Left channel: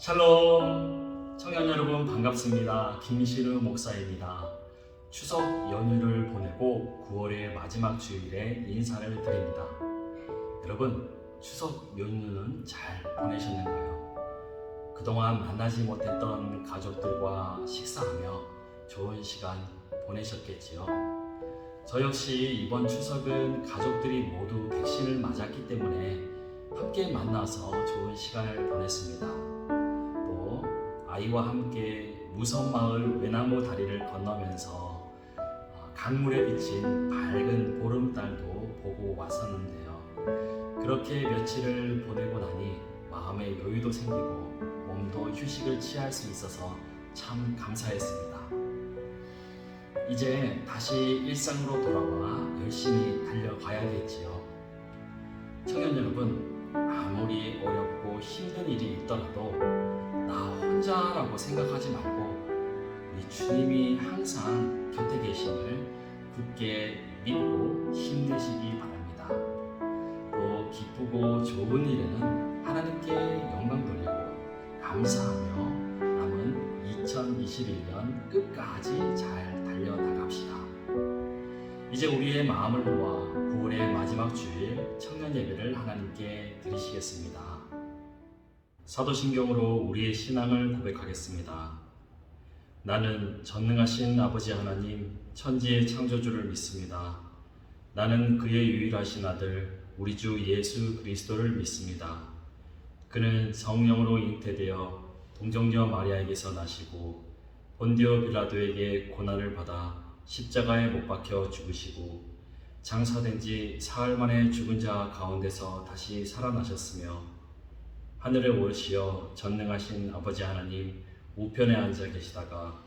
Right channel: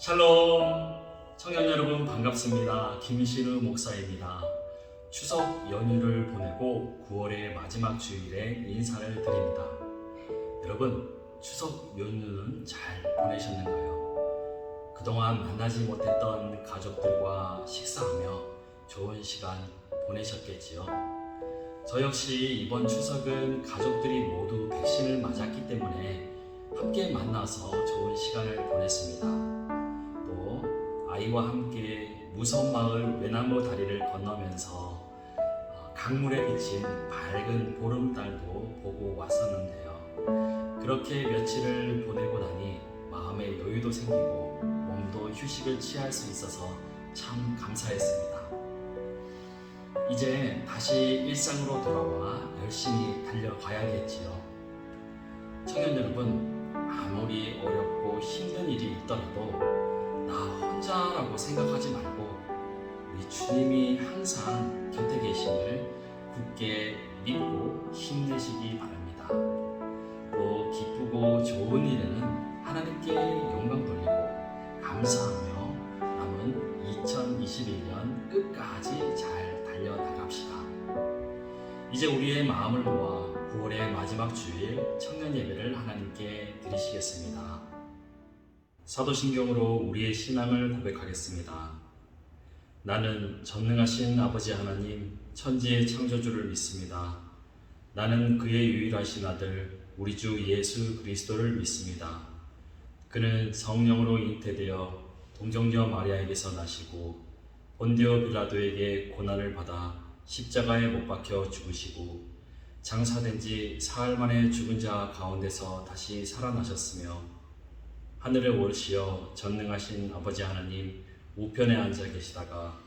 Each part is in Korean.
샬롬! 청년 여러분 반갑습니다. 김신우 목사입니다. 추석 연휴를 보내고 9월의 마지막 주일에 인사를 드립니다. 여러분, 추석 연휴는 잘 보내셨는가요? 그동안 만나지 못했던 가족들과 식사하며 좋은 시간 보내셨겠지요? 저 역시 이번 추석은 가족들이 모두 백신을 맞았기 때문에 함께 만나서 좋은 시간을 보냈습니다. 또 아이와 함께 무성마을 외나무 다리를 건너면서 강물에 비친 밝은 보름달도 보고 왔었는데요. 그렇게 며칠을 보내고 나니 마음의 여유도 생기고 몸도 휴식을 취할 수 있어서 참 감사했습니다. 이제 다시 일상으로 돌아와 열심히 달려가야겠지요. 청년 여러분, 아무리 어렵고 힘든 일이 있더라도 나 혼자라고 생각하지 말고 우리 주님이 항상 곁에 계심을 굳게 믿고 힘내시기 바랍니다. 또 기쁘고 좋은 일에는 하나님께 영광 돌리고 감사하며 남은 2021년 끝까지 잘 달려나갑시다. 이제 우리의 마음을 모아 9월의 마지막 주일 청년 예배를 하나님께 드리시겠습니다. 사도신경으로 우리의 신앙을 고백하겠습니다. 나는 전능하신 아버지 하나님 천지의 창조주를 믿습니다. 나는 그의 유일하신 아들 우리 주 예수 그리스도를 믿습니다. 그는 성령으로 잉태되어 동정녀 마리아에게서 나시고 본디오 빌라도에게 고난을 받아 십자가에 못 박혀 죽으시고 장사된 지 사흘 만에 죽은 자 가운데서 다시 살아나셨으며 하늘에 오르시어 전능하신 아버지 하나님 우편에 앉아 계시다가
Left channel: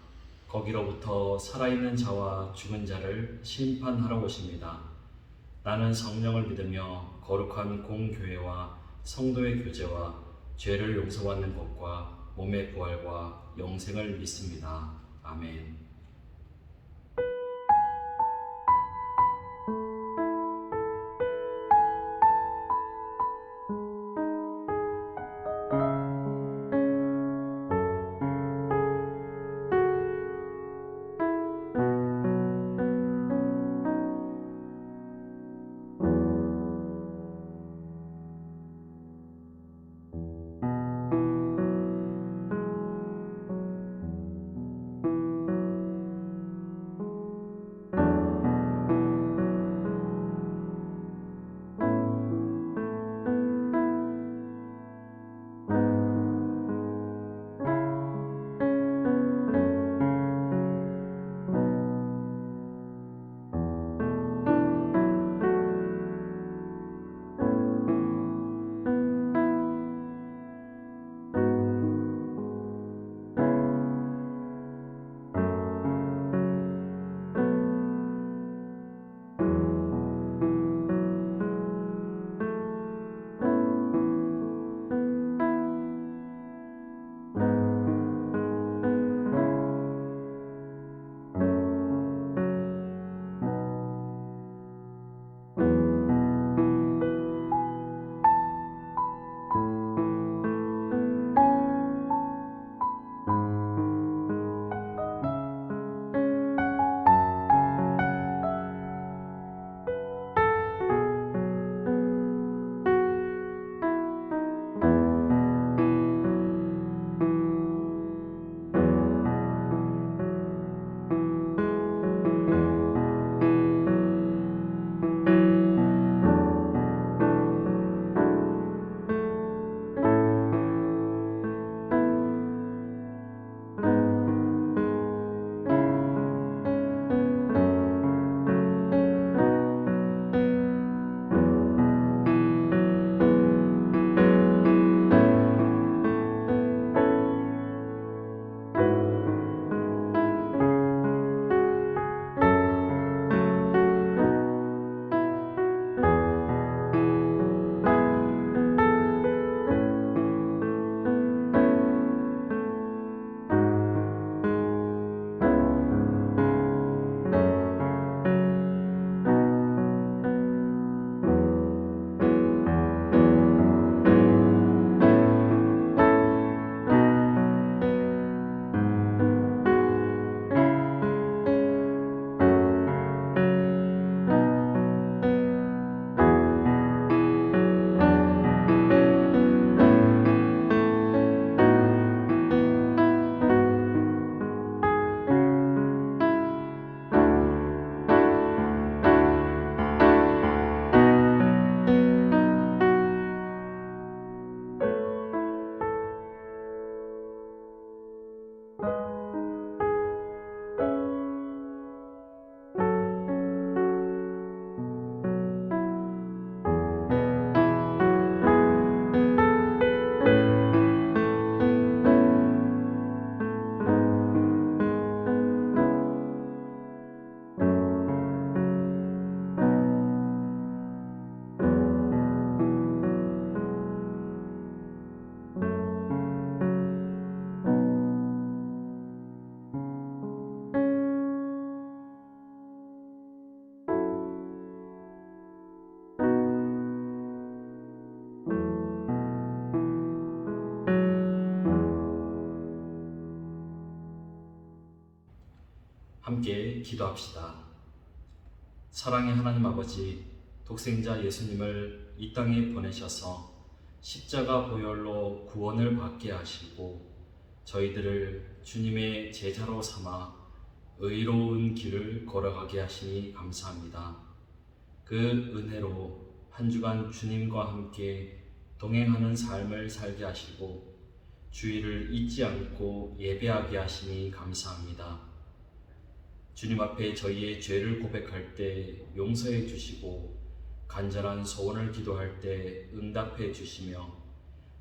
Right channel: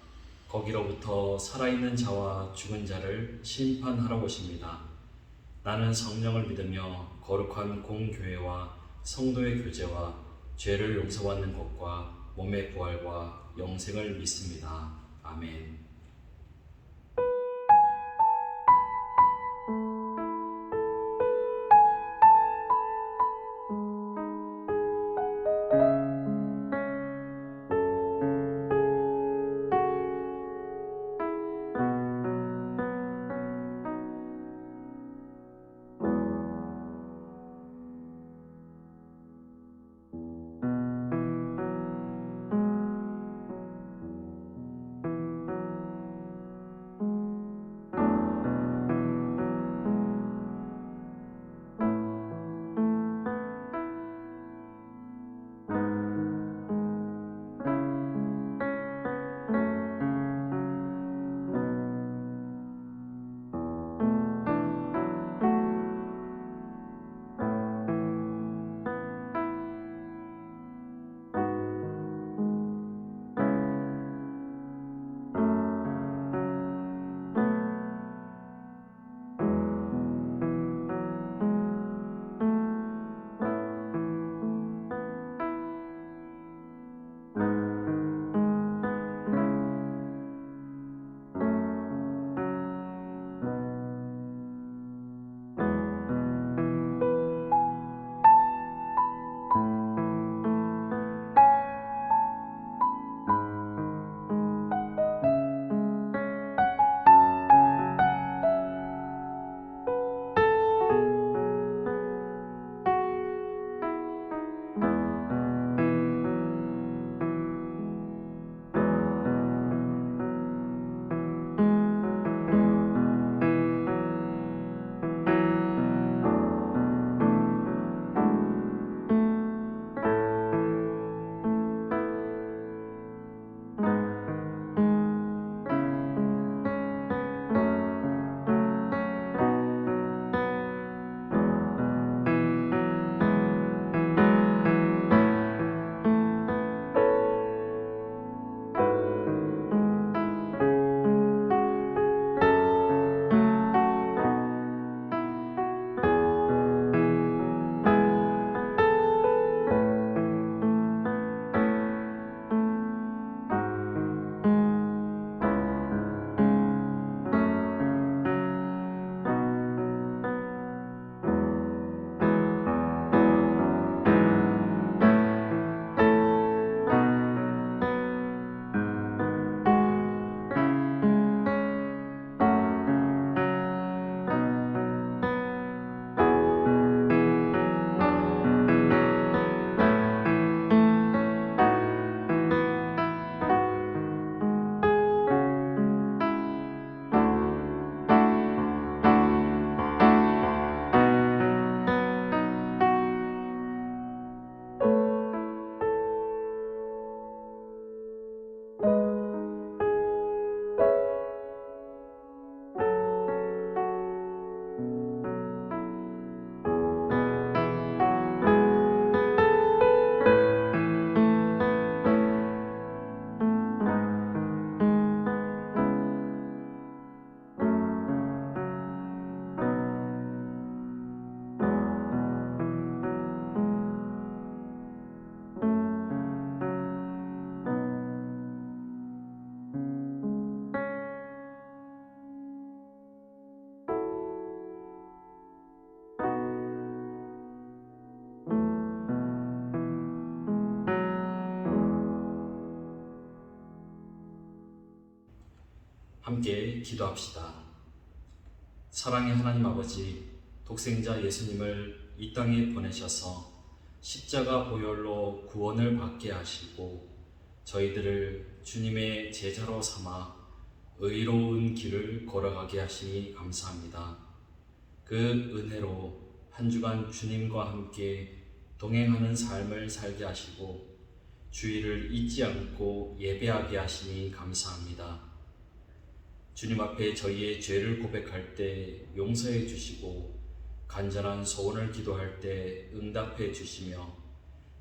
거기로부터 살아있는 자와 죽은 자를 심판하러 오십니다. 나는 성령을 믿으며 거룩한 공교회와 성도의 교제와 죄를 용서받는 것과 몸의 부활과 영생을 믿습니다. 아멘. 함께 기도합시다. 사랑의 하나님 아버지, 독생자 예수님을 이 땅에 보내셔서 십자가 보혈로 구원을 받게 하시고 저희들을 주님의 제자로 삼아 의로운 길을 걸어가게 하시니 감사합니다. 그 은혜로 한 주간 주님과 함께 동행하는 삶을 살게 하시고 주의를 잊지 않고 예배하게 하시니 감사합니다. 주님 앞에 저희의 죄를 고백할 때 용서해 주시고 간절한 소원을 기도할 때 응답해 주시며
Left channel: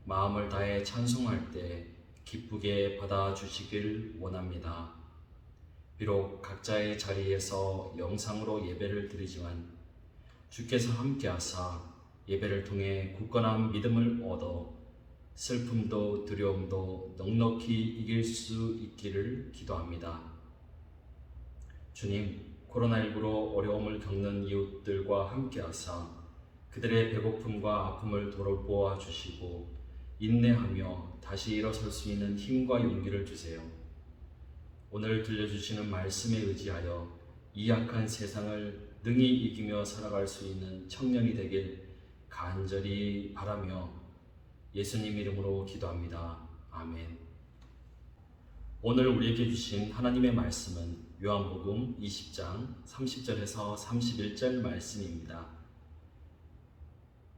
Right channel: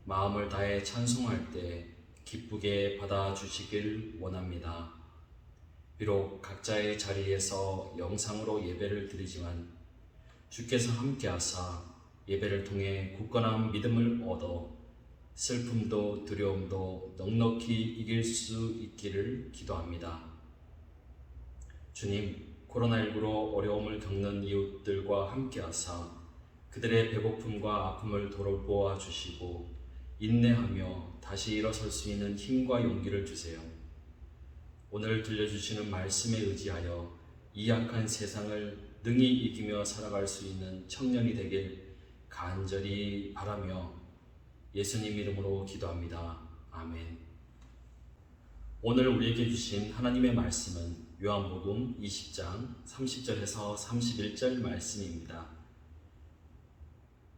마음을 다해 찬송할 때 기쁘게 받아주시길 원합니다. 비록 각자의 자리에서 영상으로 예배를 드리지만 주께서 함께하사 예배를 통해 굳건한 믿음을 얻어 슬픔도 두려움도 넉넉히 이길 수 있기를 기도합니다. 주님, 코로나19로 어려움을 겪는 이웃들과 함께하사 그들의 배고픔과 아픔을 돌보아 주시고 인내하며 다시 일어설 수 있는 힘과 용기를 주세요. 오늘 들려주시는 말씀에 의지하여 이 약한 세상을 능히 이기며 살아갈 수 있는 청년이 되길 간절히 바라며 예수님 이름으로 기도합니다. 아멘. 오늘 우리에게 주신 하나님의 말씀은 요한복음 20장 30절에서 31절 말씀입니다.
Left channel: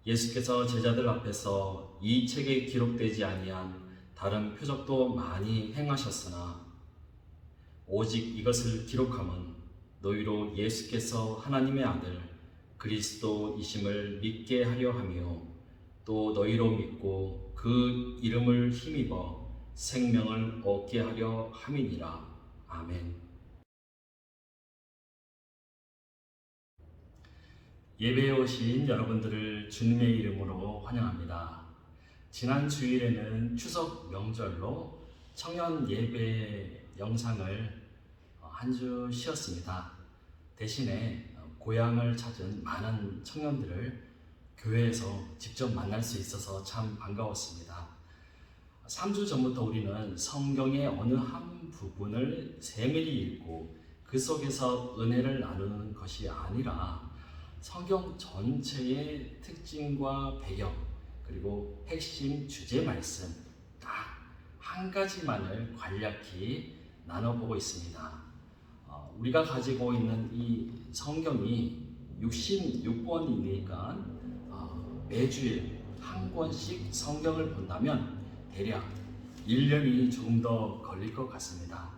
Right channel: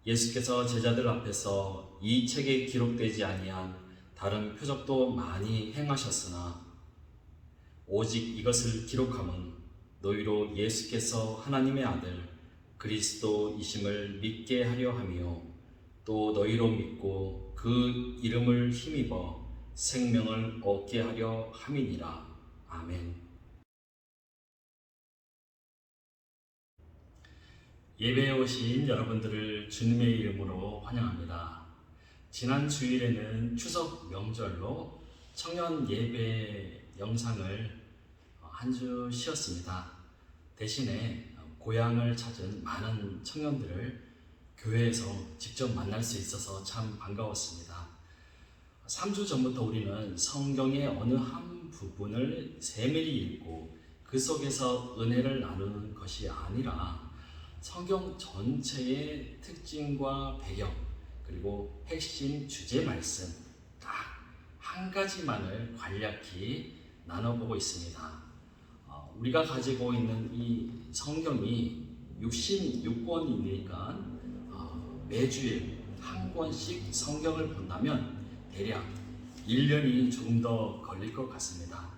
예수께서 제자들 앞에서 이 책에 기록되지 아니한 다른 표적도 많이 행하셨으나 오직 이것을 기록함은 너희로 예수께서 하나님의 아들 그리스도이심을 믿게 하려 하며 또 너희로 믿고 그 이름을 힘입어 생명을 얻게 하려 함이니라. 아멘. 예배에 오신 여러분들을 주님의 이름으로 환영합니다. 지난 주일에는 추석 명절로 청년 예배 영상을 한 주 쉬었습니다. 대신에 고향을 찾은 많은 청년들을 교회에서 직접 만날 수 있어서 참 반가웠습니다. 3주 전부터 우리는 성경의 어느 한 부분을 세밀히 읽고 그 속에서 은혜를 나누는 것이 아니라 성경 전체의 특징과 배경 그리고 핵심 주제 말씀 딱 한 가지만을 간략히 나눠보고 있습니다. 우리가 가지고 있는 이 성경이 66권이니까 매주일 한 권씩 성경을 본다면 대략 1년이 조금 더 걸릴 것 같습니다.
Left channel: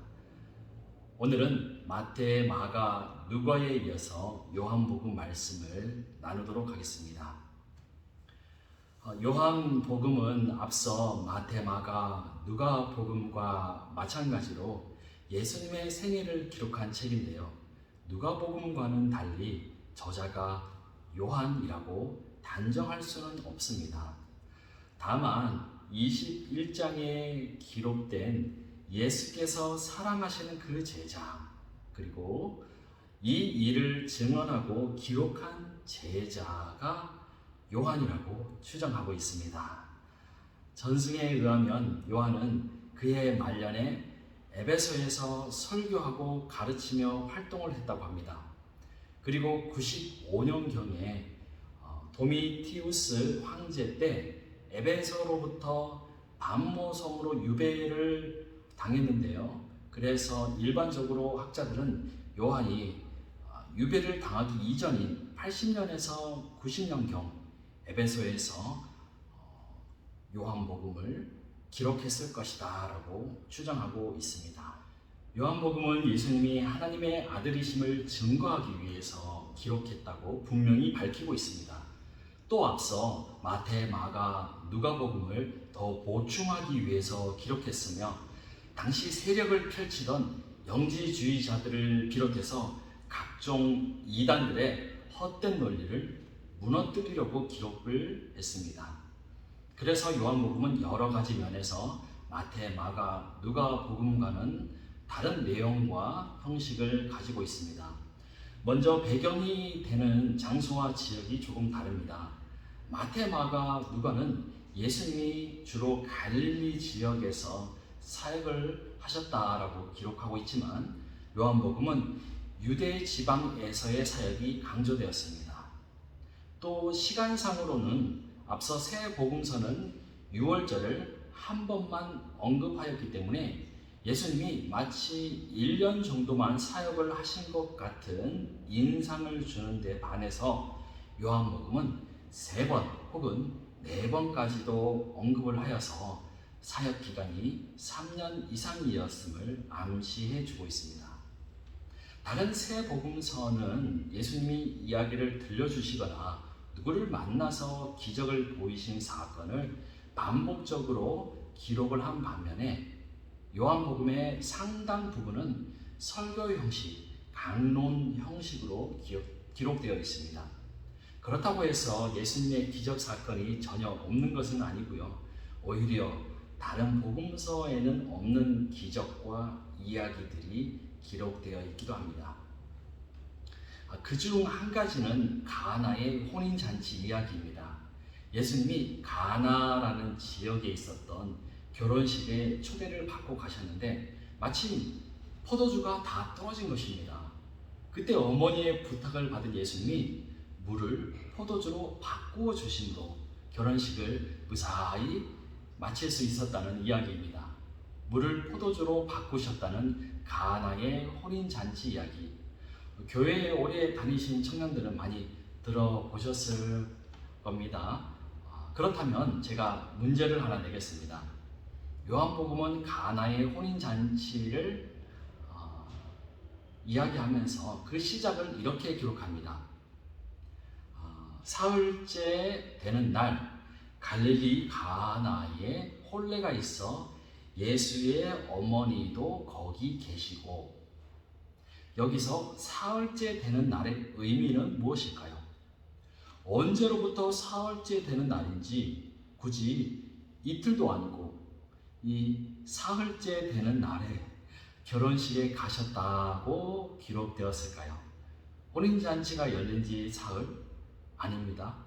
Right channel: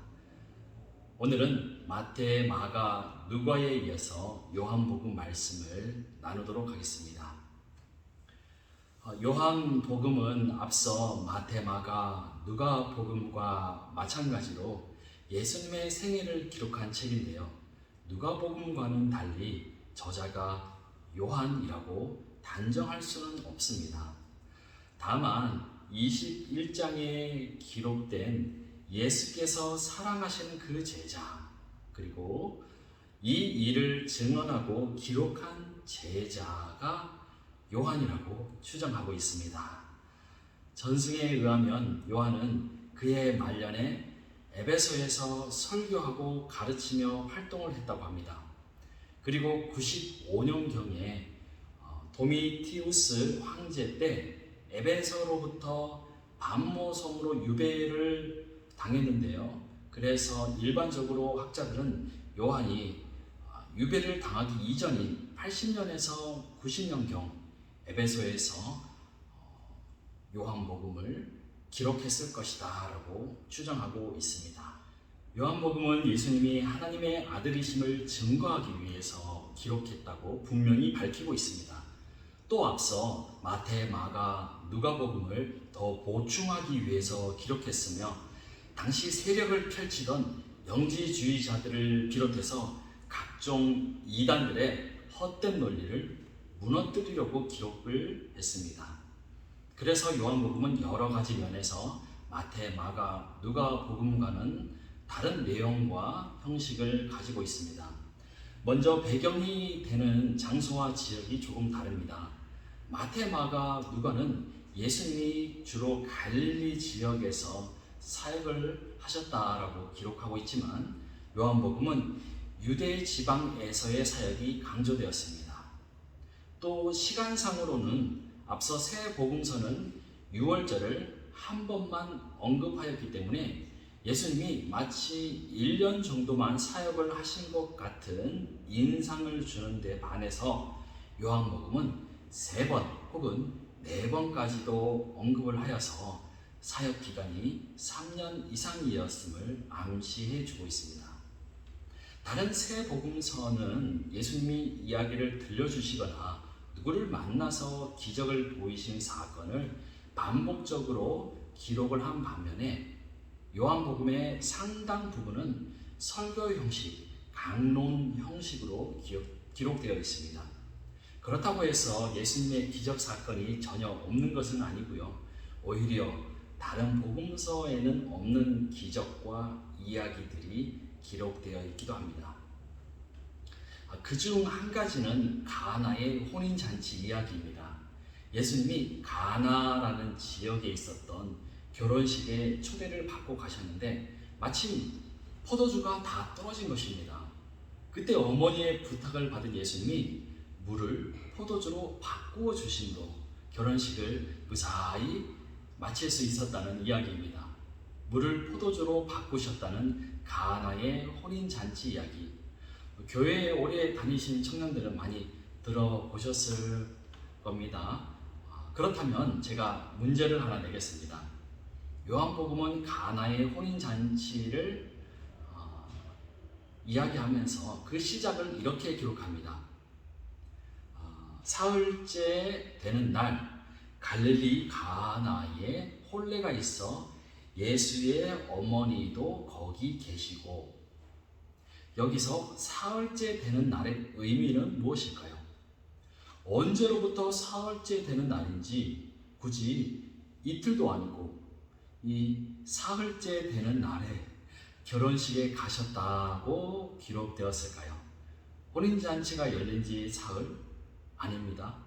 오늘은 마태, 마가, 누가에 이어서 요한복음 말씀을 나누도록 하겠습니다. 요한복음은 앞서 마태, 마가, 누가복음과 마찬가지로 예수님의 생애를 기록한 책인데요. 누가복음과는 달리 저자가 요한이라고 단정할 수는 없습니다. 다만 21장에 기록된 예수께서 사랑하시는 그 제자 그리고 이 일을 증언하고 기록한 제자가 요한이라고 추정하고 있습니다. 전승에 의하면 요한은 그의 말년에 에베소에서 설교하고 가르치며 활동을 했다고 합니다. 그리고 95년경에 도미티우스 황제 때 에베소로부터 반모섬으로 유배를 당했는데요. 그래서 일반적으로 학자들은 요한이 유배를 당하기 이전인 80년에서 90년경 에베소에서 요한복음을 기록했을 것이다 라고 추정하고 있습니다. 요한복음은 예수님이 하나님의 아들이심을 증거하기 위해서 기록했다고 분명히 밝히고 있습니다. 또 앞서 마태, 마가, 누가복음을 더 보충하기 위해서 기록했으며 당시 세력을 펼치던 영지주의자들을 비롯해서 각종 이단들의 헛된 논리를 무너뜨리려고 기록을 했습니다. 그래서 요한복음은 여러 가지 면에서 마태, 마가, 누가복음과는 다른 내용과 형식을 가지고 있습니다. 먼저 배경이 되는 장소와 지역이 조금 다릅니다. 마태, 마가, 누가는 예수님이 주로 갈릴리 지역에서 사역을 하셨다라고 기록하고 있지만 요한복음은 유대 지방에서의 사역이 강조되었습니다. 또 시간상으로는 앞서 새 복음서는 유월절을 한 번만 언급하였기 때문에 예수님이 마치 1년 정도만 사역을 하신 것 같은 인상을 주는 데 반해서 요한복음은 3번 혹은 4번까지도 언급을 하여서 사역 기간이 3년 이상이었음을 암시해 주고 있습니다. 다른 세 복음서는 예수님이 이야기를 들려주시거나 누구를 만나서 기적을 보이신 사건을 반복적으로 기록을 한 반면에 요한복음의 상당 부분은 설교 형식, 강론 형식으로 기록되어 있습니다. 그렇다고 해서 예수님의 기적 사건이 전혀 없는 것은 아니고요. 오히려 다른 복음서에는 없는 기적과 이야기들이 기록되어 있기도 합니다. 그중 한 가지는 가나의 혼인잔치 이야기입니다. 예수님이 가나라는 지역에 있었던 결혼식에 초대를 받고 가셨는데 마침 포도주가 다 떨어진 것입니다. 그때 어머니의 부탁을 받은 예수님이 물을 포도주로 바꾸어 주심으로 결혼식을 무사히 마칠 수 있었다는 이야기입니다. 물을 포도주로 바꾸셨다는 가나의 혼인잔치 이야기. 교회에 오래 다니신 청년들은 많이 들어보셨을 겁니다. 그렇다면 제가 문제를 하나 내겠습니다. 요한복음은 가나의 혼인잔치를 이야기하면서 그 시작을 이렇게 기록합니다. 사흘째 되는 날 갈릴리 가나에 혼례가 있어 예수의 어머니도 거기 계시고. 여기서 사흘째 되는 날의 의미는 무엇일까요? 언제로부터 사흘째 되는 날인지 굳이 이틀도 아니고 이 사흘째 되는 날에 결혼식에 가셨다고 기록되었을까요? 혼인잔치가 열린 지 사흘? 아닙니다.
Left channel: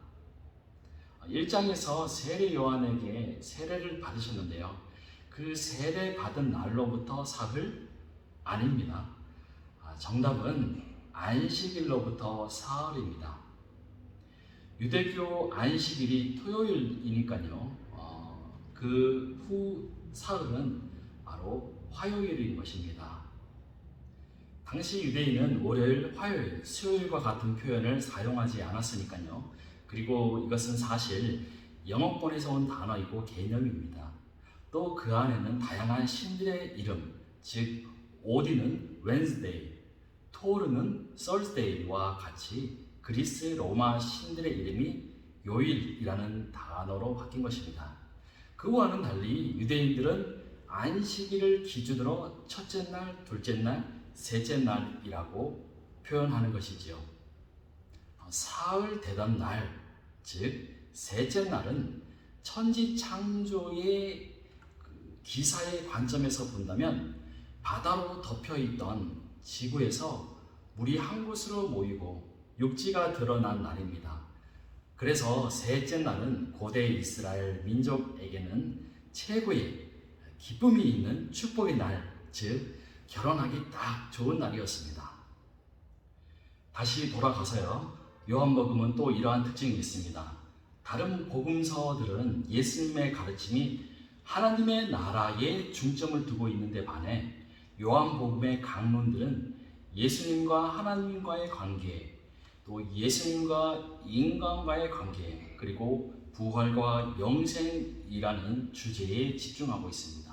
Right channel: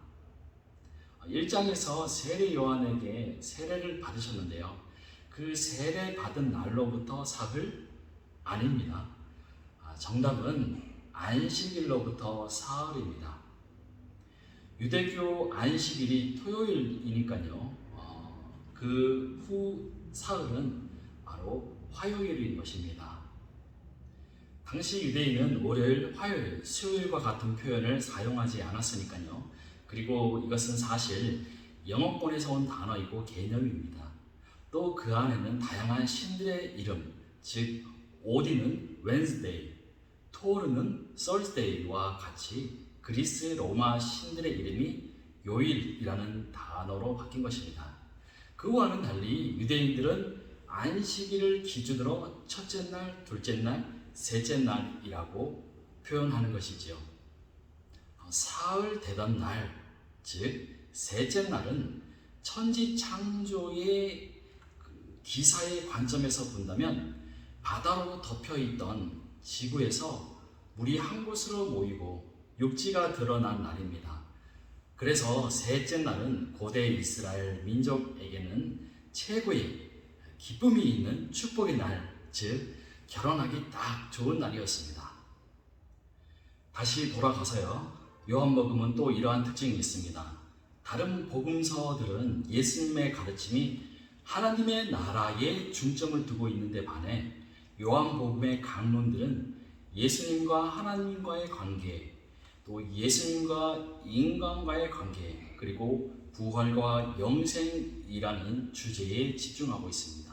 1장에서 세례 요한에게 세례를 받으셨는데요. 그 세례 받은 날로부터 사흘? 아닙니다. 정답은 안식일로부터 사흘입니다. 유대교 안식일이 토요일이니까요. 그 후 사흘은 바로 화요일인 것입니다. 당시 유대인은 월요일, 화요일, 수요일과 같은 표현을 사용하지 않았으니까요. 그리고 이것은 사실 영어권에서 온 단어이고 개념입니다. 또 그 안에는 다양한 신들의 이름, 즉 오딘은 웬스데이, 토르는 썰스데이와 같이 그리스 로마 신들의 이름이 요일이라는 단어로 바뀐 것입니다. 그와는 달리 유대인들은 안식일을 기준으로 첫째 날, 둘째 날, 셋째 날이라고 표현하는 것이지요. 사흘 되던 날, 즉 셋째 날은 천지 창조의 기사의 관점에서 본다면 바다로 덮여있던 지구에서 물이 한 곳으로 모이고 육지가 드러난 날입니다. 그래서 셋째 날은 고대 이스라엘 민족에게는 최고의 기쁨이 있는 축복의 날, 즉 결혼하기 딱 좋은 날이었습니다. 다시 돌아가서요. 요한복음은 또 이러한 특징이 있습니다. 다른 복음서들은 예수님의 가르침이 하나님의 나라에 중점을 두고 있는데 반해 요한복음의 강론들은 예수님과 하나님과의 관계, 또 예수님과 인간과의 관계, 그리고 부활과 영생이라는 주제에 집중하고 있습니다.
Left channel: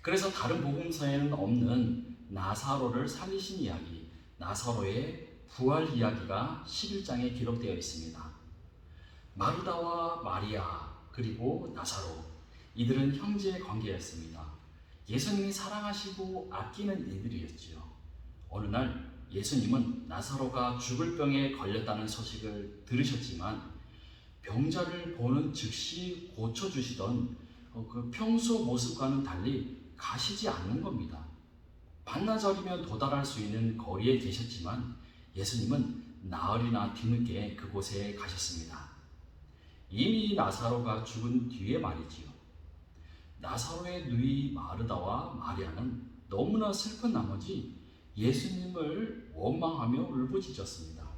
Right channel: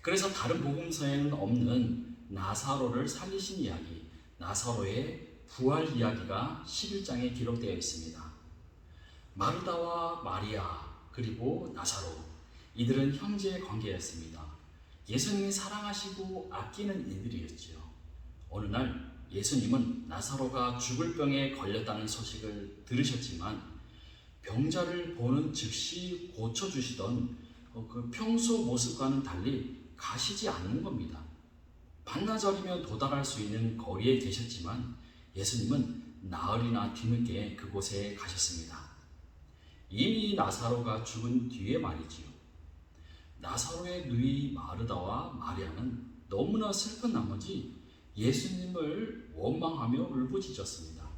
그래서 다른 복음서에는 없는 나사로를 살리신 이야기, 나사로의 부활 이야기가 11장에 기록되어 있습니다. 마르다와 마리아 그리고 나사로, 이들은 형제 관계였습니다. 예수님이 사랑하시고 아끼는 이들이었지요. 어느 날 예수님은 나사로가 죽을 병에 걸렸다는 소식을 들으셨지만 병자를 보는 즉시 고쳐주시던 그 평소 모습과는 달리 가시지 않는 겁니다. 반나절이면 도달할 수 있는 거리에 계셨지만 예수님은 나흘이나 뒤늦게 그곳에 가셨습니다. 이미 나사로가 죽은 뒤에 말이지요. 나사로의 누이 마르다와 마리아는 너무나 슬픈 나머지 예수님을 원망하며 울부짖었습니다.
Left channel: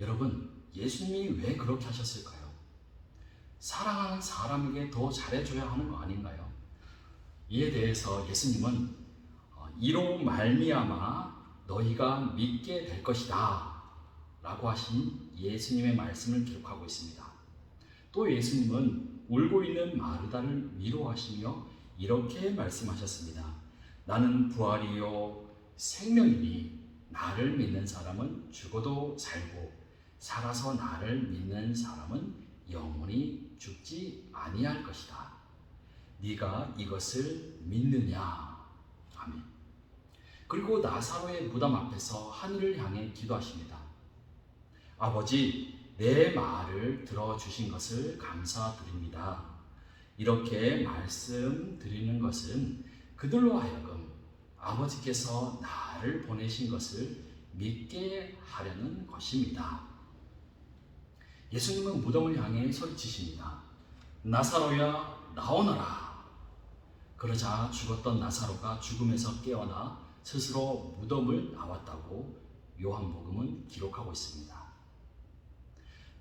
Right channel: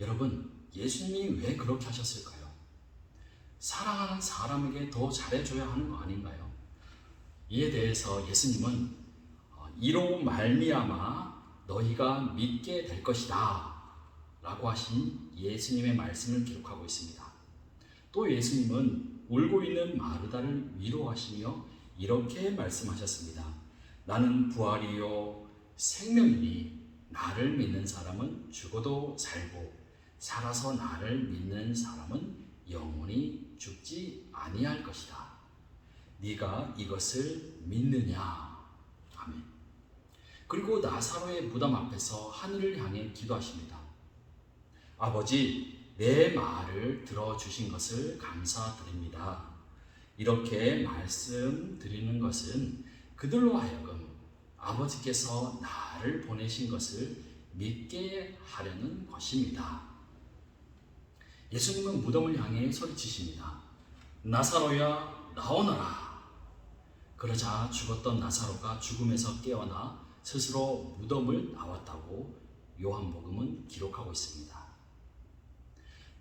여러분, 예수님이 왜 그렇게 하셨을까요? 사랑하는 사람에게 더 잘해줘야 하는 거 아닌가요? 이에 대해서 예수님은 이로 말미암아 너희가 믿게 될 것이다 라고 하신 예수님의 말씀을 기록하고 있습니다. 또 예수님은 울고 있는 마르다를 위로하시며 이렇게 말씀하셨습니다. 나는 부활이요 생명이니 나를 믿는 사람은 죽어도 살고 살아서 나를 믿는 사람은 영원히 죽지 아니할 것이다. 네가 이것을 믿느냐? 아멘. 그리고 나사로의 무덤 앞에서 하늘을 향해 기도하십니다. 아버지, 내 말을 들어주신 것을 감사드립니다. 이렇게 말씀드리는 것은 그들로 하여금 아버지께서 나를 보내신 것을 믿게 하려는 것입니다. 예수님은 무덤을 향해 소리치십니다. 나사로야, 나오너라. 그러자 죽었던 나사로가 죽음에서 깨어나 스스로 무덤을 나왔다고 요한복음은 기록하고 있습니다.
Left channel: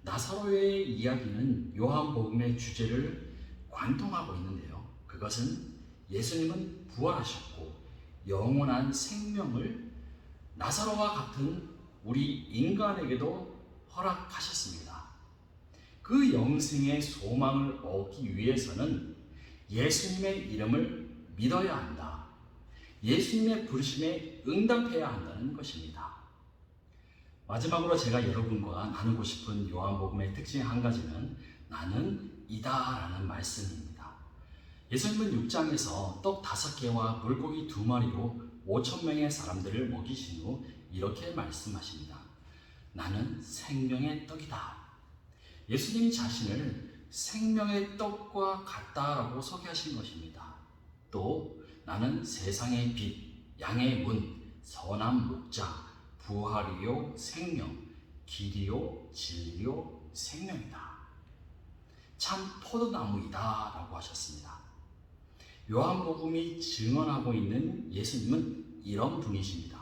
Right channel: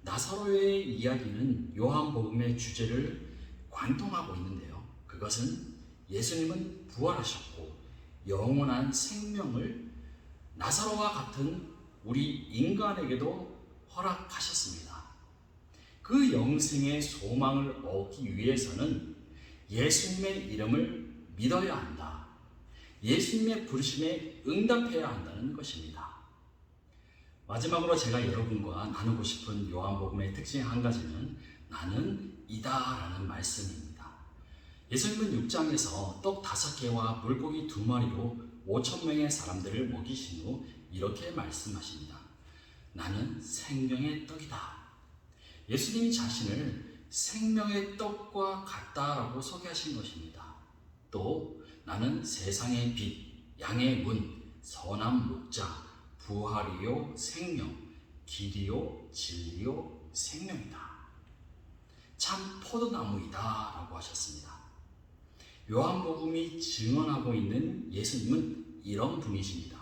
나사로의 이야기는 요한복음의 주제를 관통하고 있는데요. 그것은 예수님은 부활하셨고 영원한 생명을 나사로와 같은 우리 인간에게도 허락하셨습니다. 그 영생의 소망을 얻기 위해서는 예수님의 이름을 믿어야 한다. 예수님의 부르심에 응답해야 한다는 것입니다. 마지막으로 제가 여러분과 나누고 싶은 요한복음의 특징 한 가지는 나는 이다라는 말씀입니다. 예수님은 6장에서 떡 5개와 물고기 2마리로 5,000명의 사람들을 먹이신 후 이렇게 말씀하십니다. 나는 생명의 떡이다. 예수님이 자신을 생명의 떡과 같다라고 소개하신 것입니다. 또 나는 세상의 빛, 양의 문, 선한 목자, 부활이요 생명, 길이요 진리요 생명이다. 참 포도나무이다 라고 하셨습니다. 요한복음이 증언하고 있는 예수님은 이런 분이십니다.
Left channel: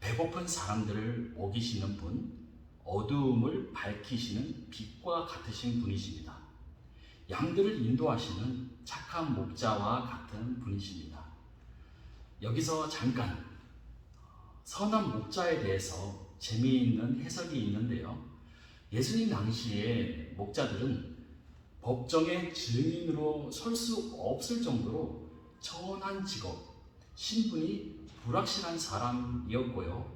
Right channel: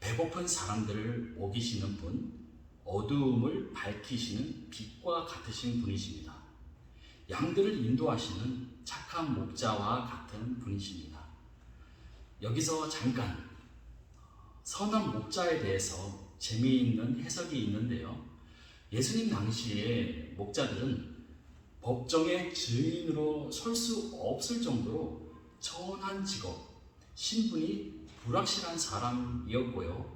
배고픈 사람들을 먹이시는 분, 어두움을 밝히시는 빛과 같으신 분이십니다. 양들을 인도하시는 착한 목자와 같은 분이십니다. 여기서 잠깐 선한 목자에 대해서 재미있는 해석이 있는데요. 예수님 당시에 목자들은 법정의 증인으로 설 수 없을 정도로 천한 직업, 신분이 불확실한 사람이었고요.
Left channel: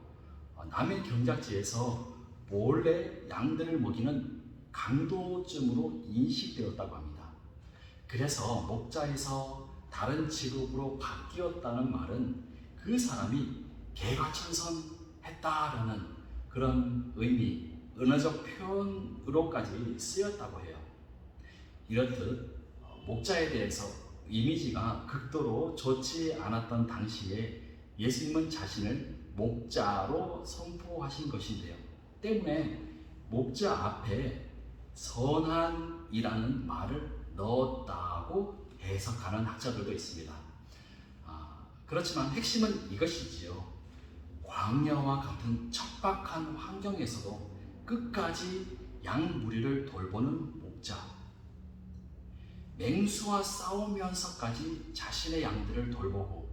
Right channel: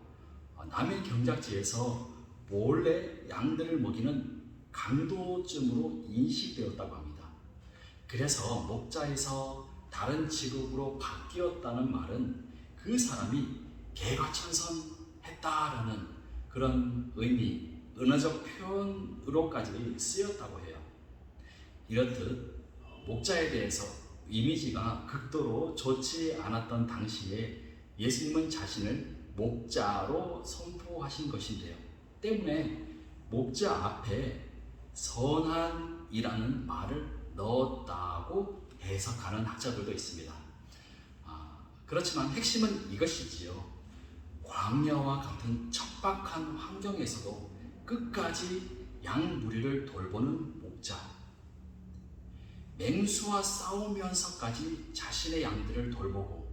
남의 경작지에서 몰래 양들을 먹이는 강도쯤으로 인식되었다고 합니다. 그래서 목자에서 다른 직업으로 바뀌었다는 말은 그 사람이 개과천선했다라는 그런 의미, 은어적 표현으로까지 쓰였다고 해요. 이렇듯 목자에 대해서 이미지가 극도로 좋지 않았던 당시에 예수님은 자신을 목자로 선포하신 것인데요. 때문에 목자 앞에 선한이라는 말을 넣었다고 해석하는 학자들도 있습니다. 그렇지만 핵심은 이것이지요. 광야와 같은 척박한 환경에서도 끝까지 양 무리를 돌보는 목자, 맹수와 싸우면서까지 자신의 양들을 돌보고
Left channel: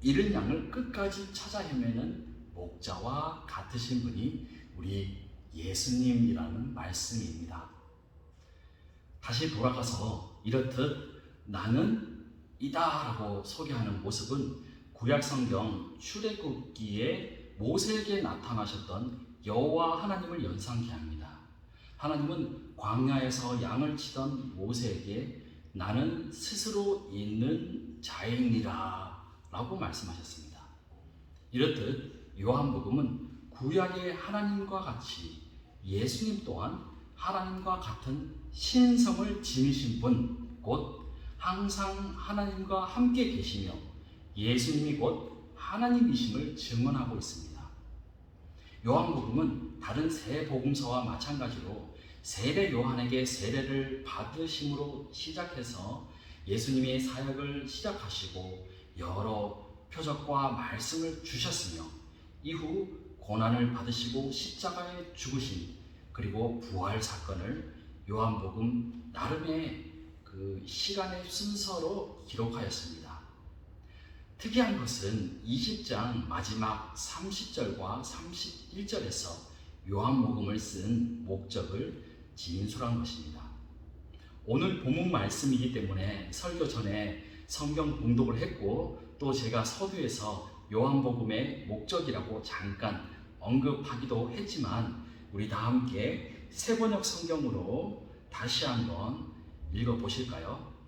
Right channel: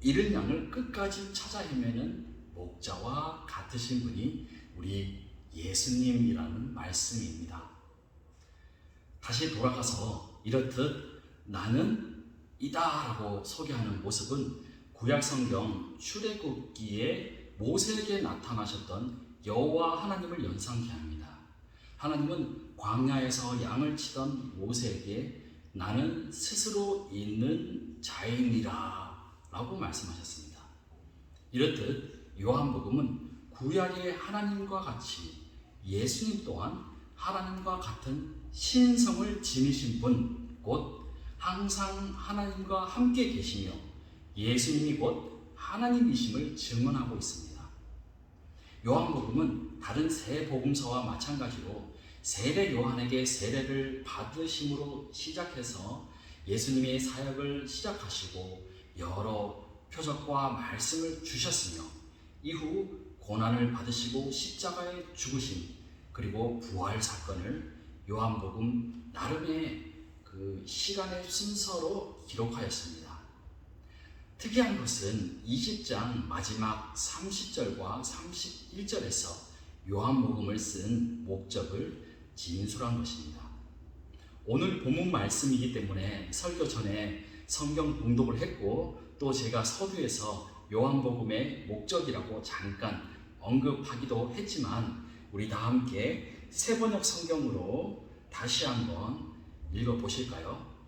잃은 양을 끝까지 찾아 헤매는 목자와 같으신 분이 우리 예수님이라는 말씀입니다. 다시 돌아가서 이렇듯 나는 이다라고 소개하는 모습은 구약성경 출애굽기에 모세에게 나타나셨던 여호와 하나님을 연상케 합니다. 하나님은 광야에서 양을 치던 모세에게 나는 스스로 있는 자이니라 라고 말씀하셨습니다. 이렇듯 요한복음은 구약의 하나님과 같이 예수님 또한 하나님과 같은 신성을 지니신 분, 곧 항상 하나님과 함께 계시며 예수님이 곧 하나님이심을 증언하고 있습니다. 요한복음은 다른 세 복음서와 마찬가지로 세례 요한에게 세례를 받으심으로 시작해서 예수님의 사역을 시작하시고 여러 표적과 말씀을 주셨으며 이후 고난을 받으시고 십자가에 죽으신 그리고 부활 사건을 요한복음 나름의 그 시간의 순서로 기록하였습니다. 특이한 것은 20장 마지막 30절과 31절에서 요한복음을 쓴 목적을 진술한 것입니다. 오늘 본문 말씀이기 때문에 설교 전에 성경 봉독을 했고 또 제가 서두에서 요한복음의 목적이라고 잠깐 언급하기도 했지만 우리 다 함께 새번역 성경으로 다시 한번 읽어보실까요?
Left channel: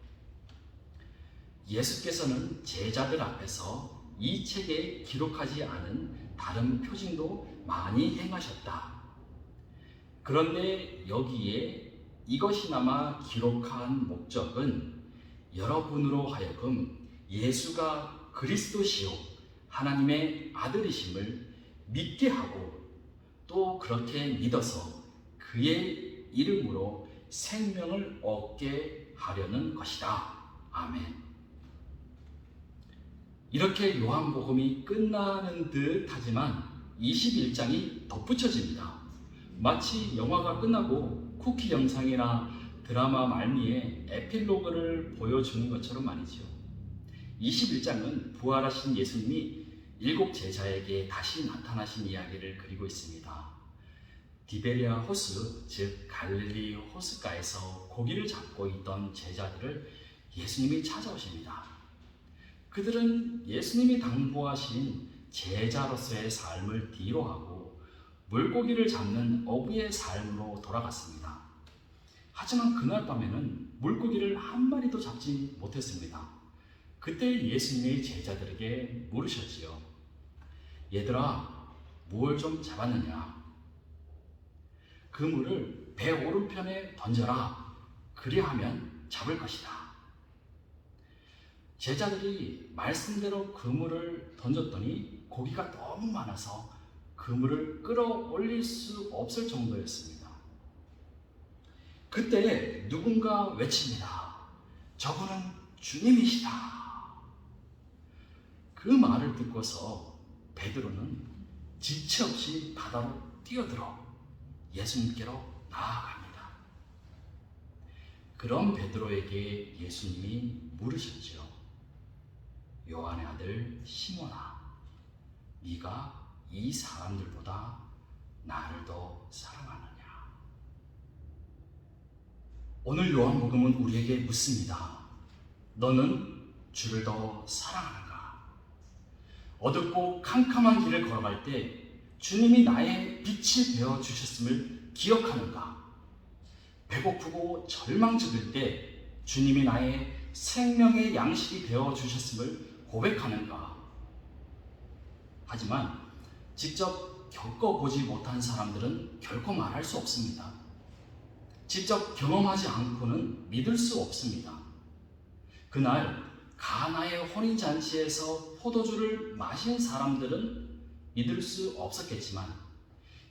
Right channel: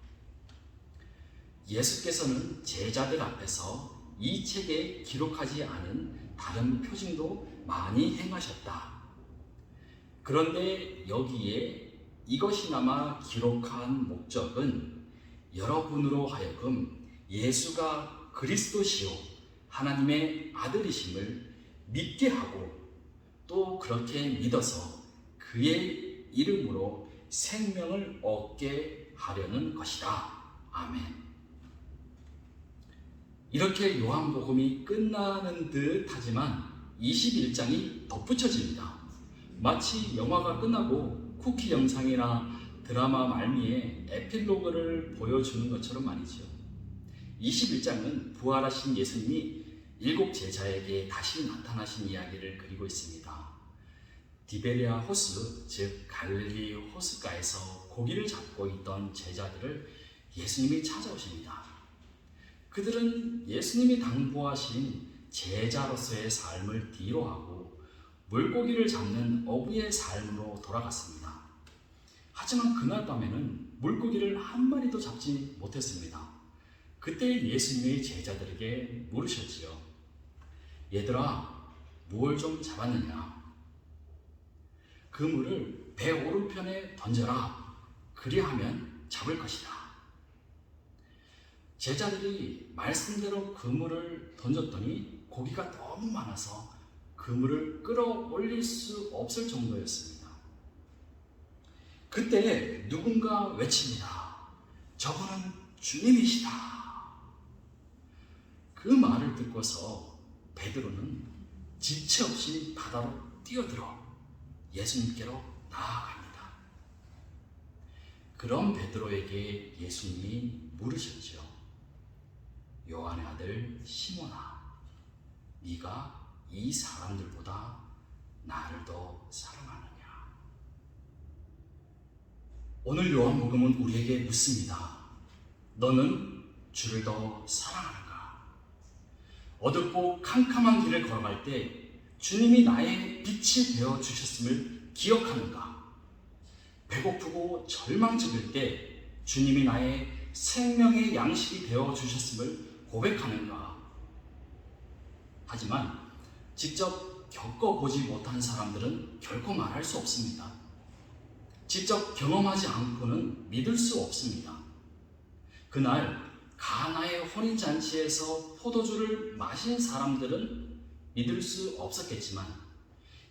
예수께서는 제자들 앞에서 이 책에 기록하지 않은 다른 표징도 많이 행하셨다. 그런데 여기에 이것이나마 기록한 목적은 여러분으로 하여금 예수가 그리스도시요 하나님의 아들이심을 믿게 하고 또 그렇게 믿어서 그의 이름으로 생명을 얻게 하려는 것이다. 아멘. 이렇게 요한복음이 끝나는 듯 하지만 21장이 덧붙여집니다. 마치 영화가 끝나고 쿠키 영상이나 드라마 말미에 에필로그를 보여주는 것처럼 말이죠. 21장은 부활하신 예수님이 7 제자에게 다시 나타나신 이야기를 그리고 있습니다. 디베리아 호수, 즉 갈릴리 호숫가에서 고기를 잡고 있던 제자들을 예수님이 찾아오십니다. 그들은 예수님이 당부하신 제자로서의 삶을 뒤로하고 물고기를 잡는 어부의 삶으로 돌아갔습니다. 하지만 그날 밤에는 물고기를 한 마리도 잡지 못했습니다. 그때 예수님의 제자들에게 물으셨지요. 얘들아, 무엇을 좀 잡았느냐? 그물을 배 오른편에 던져라. 그리하면 잡을 것이다. 제자들이 말씀대로 그물을 던졌더니 고기가 너무 많아서 그물을 끌어올릴 수 없을 정도였습니다. 그때 누군가 외칩니다. 저분은 주님이시다. 그 말을 듣고서 베드로는 지체 없이 바다로 뛰어들어 예수님께로 나아갑니다. 그런 베드로에게 예수님이 물으셨죠. 요한의 아들 시몬아, 네가 이 사람들보다 나를 더 사랑하느냐? 오늘 요한복음은 우리에게 묻습니다. 너는 주를 더 사랑하는가? 어둡고 캄캄한 길을 걸어갈 때 주님이 나의 빛이 되어 주셨음을 기억하는가? 배고프고 절망적일 때 주님이 나의 생명의 양식이 되어 주셨음을 고백하는가? 하지만 직접 겪어보지 못한 사람들은 결코 말할 수 없습니다. 직접 경험하지 않고는 믿을 수 없습니다. 그날 가나의 혼인잔치에서 포도주를 마신 사람들은 믿을 수 없었겠지만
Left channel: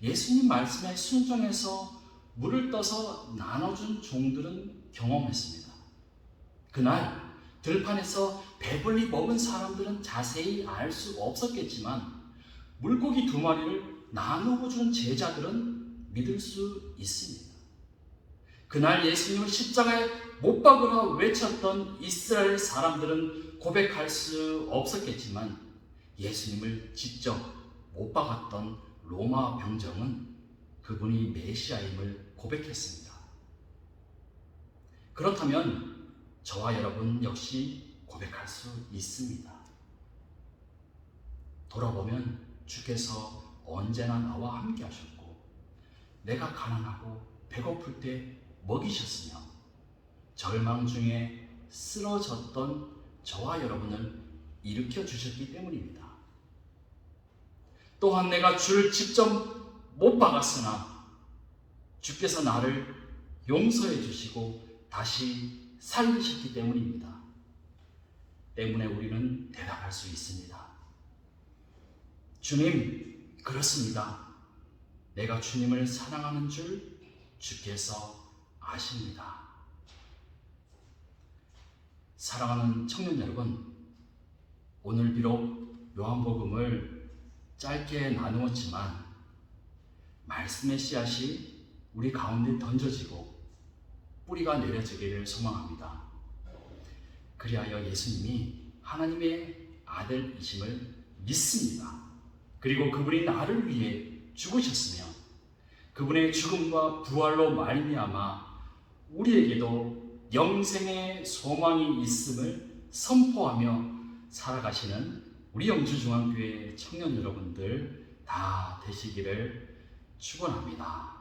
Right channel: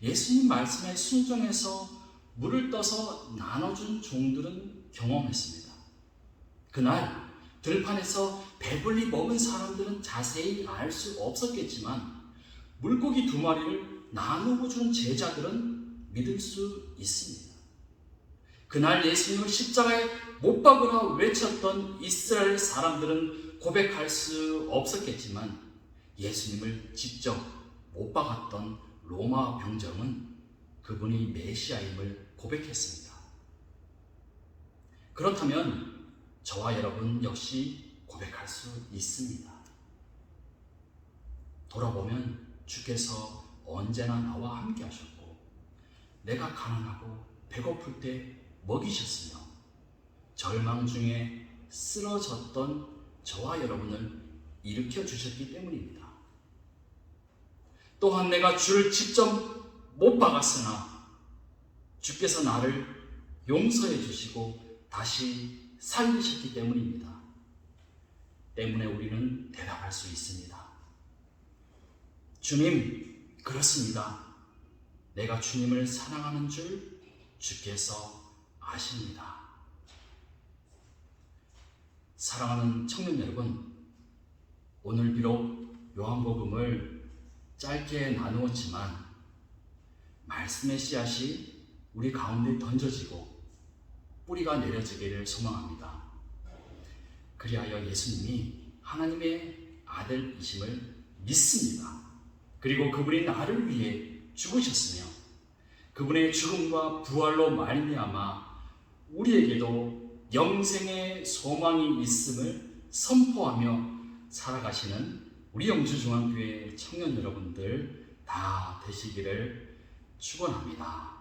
예수님 말씀에 순종해서 물을 떠서 나눠준 종들은 경험했습니다. 그날 들판에서 배불리 먹은 사람들은 자세히 알 수 없었겠지만 물고기 2마리를 나누어 준 제자들은 믿을 수 있습니다. 그날 예수님을 십자가에 못 박으라 외쳤던 이스라엘 사람들은 고백할 수 없었겠지만 예수님을 직접 못 박았던 로마 병정은 그분이 메시아임을 고백했습니다. 그렇다면 저와 여러분 역시 고백할 수 있습니다. 돌아보면 주께서 언제나 나와 함께 하셨고 내가 가난하고 배고플 때 먹이셨으며 절망 중에 쓰러졌던 저와 여러분을 일으켜 주셨기 때문입니다. 또한 내가 주를 직접 못 박았으나 주께서 나를 용서해 주시고 다시 살리셨기 때문입니다. 때문에 우리는 대답할 수 있습니다. 주님, 그렇습니다. 내가 주님을 사랑하는 줄 주께서 아십니다. 사랑하는 청년 여러분, 오늘 비록 요한복음을 짧게 나누었지만 말씀의 씨앗이 우리 가운데 던져지고 뿌리가 내려지기를 소망합니다. 그리하여 예수님이 하나님의 아들이심을 믿습니다. 그리고 그분이 나를 위해 죽으셨으며 그분의 죽음과 부활로 말미암아 우리에게도 영생의 소망이 있음을 선포하며 살아가시는 우리 영주중앙교회 청년 여러분들 다 되시기를 축원합니다.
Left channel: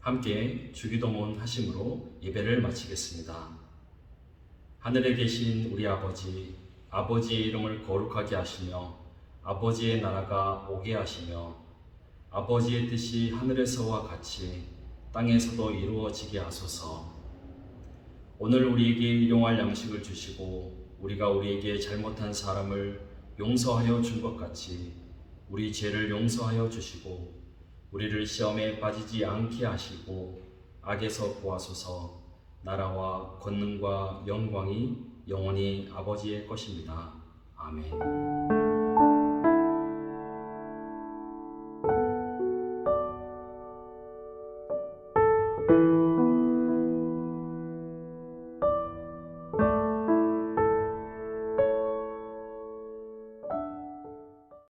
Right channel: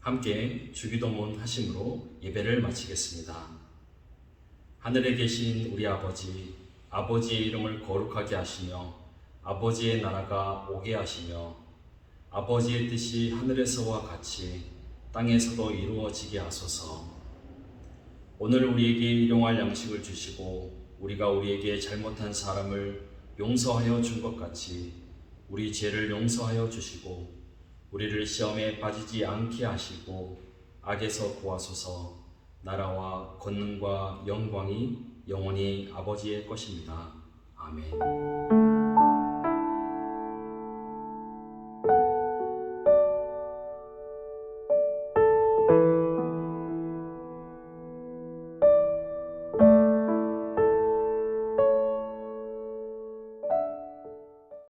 함께 주기도문 하심으로 예배를 마치겠습니다. 하늘에 계신 우리 아버지, 아버지의 이름을 거룩하게 하시며 아버지의 나라가 오게 하시며 아버지의 뜻이 하늘에서와 같이 땅에서도 이루어지게 하소서. 오늘 우리에게 일용할 양식을 주시고 우리가 우리에게 잘못한 사람을 용서하여 준 것 같이 우리 죄를 용서하여 주시고 우리를 시험에 빠지지 않게 하시고 악에서 구하소서. 나라와 권능과 영광이 영원히 아버지의 것입니다. 아멘.